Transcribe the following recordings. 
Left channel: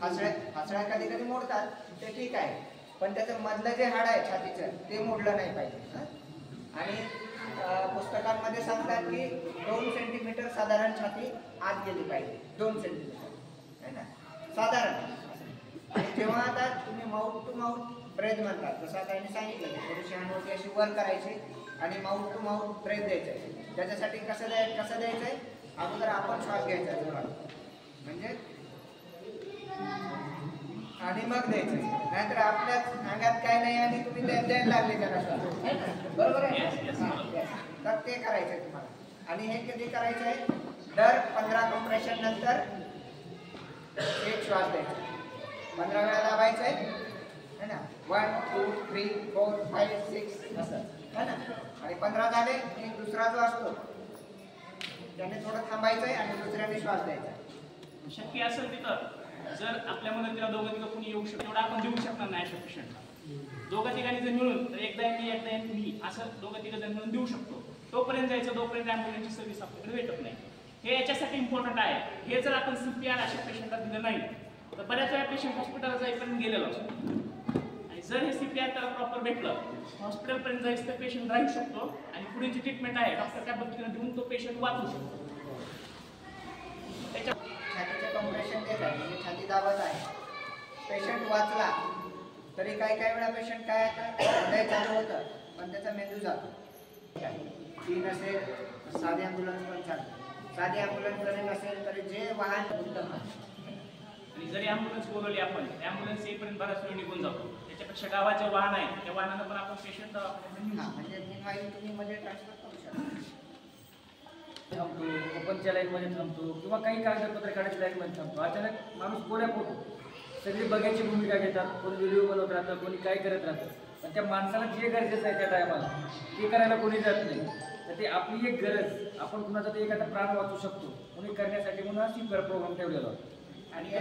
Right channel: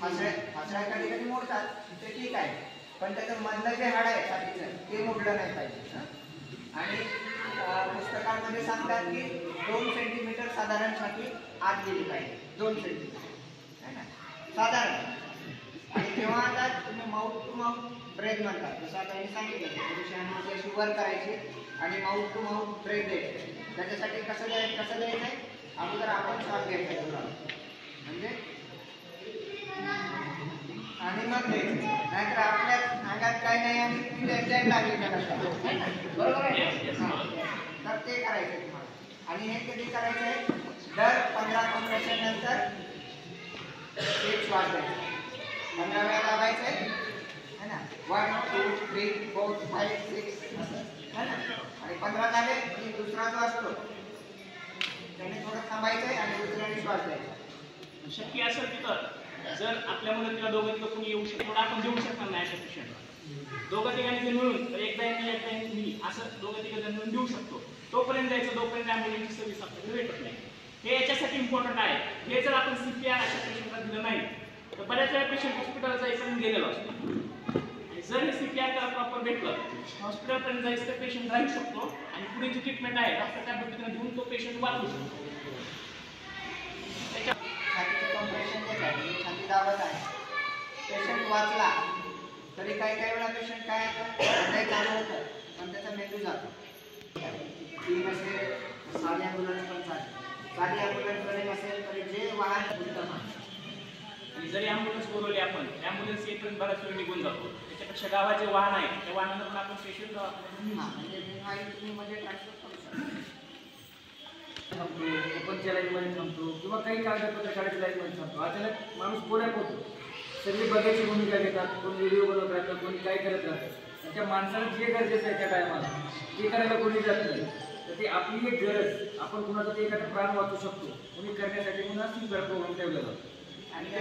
फासळ्या कधी कधी मोडतात, ते ठीक आहे, पण त्याचं मधलं जे हाड आहे छातीचं ते मोडलं नाही पाहिजे. आणि पुस्तकांमध्ये सांगतात की 2 सेंटीमीटर साधारण छाती आत गेली पाहिजे, 2 सेंटीमीटर है ना साधारण. आणि तेव्हा आता तुम्ही माउथ टू माउथ ब्रेथ म्हणतात, जसं आता त्यांनी सांगितलं थोडीशी अनुभूती अशी वर करायची आणि माउथ टू माउथ ब्रेथ द्यायचे. त्याच्यासाठी कसं द्यायचंय, अगोदर आपण श्वास घ्यायचा जोरात म्हणजे आणि मग द्यायचं, नाहीतर आपल्या अंगात काय नाही आणि तुम्ही द्यायला लागले त्याला श्वास, बरोबर आहे. तर ते करायचंय तुम्हाला. आणि हे कधी करायचंय, दर 15 कॉम्प्रेशन नंतर एक श्वास द्यायचा, 15 वेळा दाबायचंय है ना, 1 2 3 4 5 6 असं है ना. आणि 15 झाले की दुसरा जो असतो त्याने थोडं थांबायचंय आणि दुसऱ्याने श्वास द्यायचा. शक्य असेल तर जर आपल्या मदतीला दोघं कोणी येऊ शकतो, थोडं आपण देऊ शकणार नाही अशा पेशंटला, दोघं तिघांनी जर मिळून तर एकदा मी असं दोघं तिघं जण मिळून देऊ शकतो. तोपर्यंत जायचं जोपर्यंत ॲम्ब्युलन्सची सर्व्हिस आपल्याकडे भेटत नाही. हे याच्यासाठी इम्पॉर्टंट आहे. हे जर आपण CPR अशा पेशंटला दिलं नाही तर बऱ्याच वेळा पेशंट हॉस्पिटलला जायचं गेलेलो असतो. आणि जर हे CPR त्याला प्रॉपर भेटलं, हॉस्पिटलपर्यंत जायचं तर पेशंट राहू शकतो आणि पुढे जी ट्रीटमेंट आहे डॉक्टर त्या पद्धतीने देऊन तो पेशंट वाचू शकतो. छातीचे कॉम्प्रेशन देत आहे, छाती दाबत आहे, पेशंट वाचला तरी काही वेळा पेशंट काय हृदय चालू होतं पण त्याचा मेंदू जातो. 3 असेल साधी ॲम्ब्युलन्स पण चालते, साधी ॲम्ब्युलन्स जरी नसेल तरी जे वाहन उत्तम आहे. आणि जरी ॲम्ब्युलन्स बोलवली आपण, ॲम्ब्युलन्स येईपर्यंत बराच वेळ निघून जातो. त्याच्यापेक्षा गावाचे वाहन आहे त्या वाहनानं पण आपण पेशंट म्हणजे तुम्ही मध्ये ट्रान्सफर करू शकता. थांबतो, ओपनच्या लाईनमध्ये थांबतो किंवा काही कागदपत्र काढायच्या लाईनमध्ये थांबतो. अचानक माणूस पुण्यात होतो, सगळी बघायची भूमिका घेतात, कोणी व्हिडिओ बनवत राहतात, कोणी काय करत राहतं. आणि त्या माणसाला जे गरजेचं आहे त्या टायमाला ते करायला कोणी जात नाही. तर ते आपली एक गरज, आपण कुणाचा ते एखादा प्राण वाचू शकतो तुम्ही करण्यासाठी म्हणून अशी प्रोग्राम ठेवलेला. आणि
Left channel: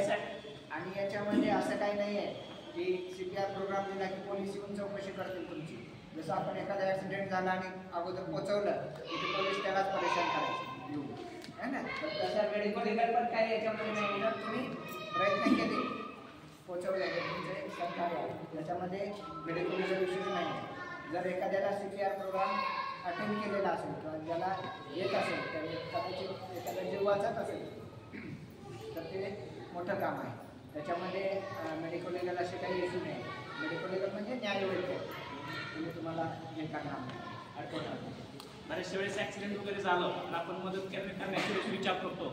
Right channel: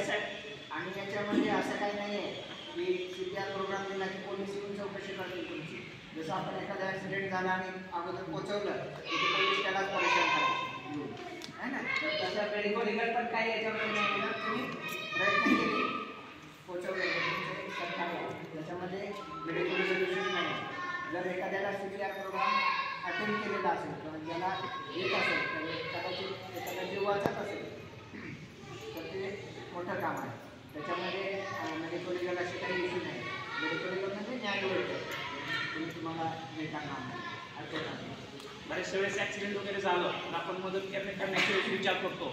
याच्यामध्ये असं काही नाही आहे की CPR प्रोग्राम दिला की पोलीस येऊन चौकशी करतील तुमची. जसं आपण एखादा ॲक्सिडेंट झाला आणि अगोदर पोचवलं की ते पोलीस त्यालाच परेशान करायचे है ना. तर तसं मेडिकल पण काही याच्यामध्ये नाही, जर तुम्ही प्रयत्न केले पोचवलं तुमचं सरकार आहे त्याच्यामध्ये मेडिकल रिझर्वेशन नाही. जर एखाद्याला CPR प्रोग्राम अटेंड केलेला असेल किंवा ज्याला येत असेल तर कदाचित एखादा जीव वाचत असेल तर ते मोठं काम आहे. त्याच्यामध्ये मेडिकल लिगल असे काही इश्यू नाही. मेडिकल लिगल म्हणजे न्यायवैद्य तुम्हाला हे काम आहे. बऱ्याच वेळेस ॲक्सिडेंट वगैरे झालं तर आपण मदत करण्याचा विचार करतो.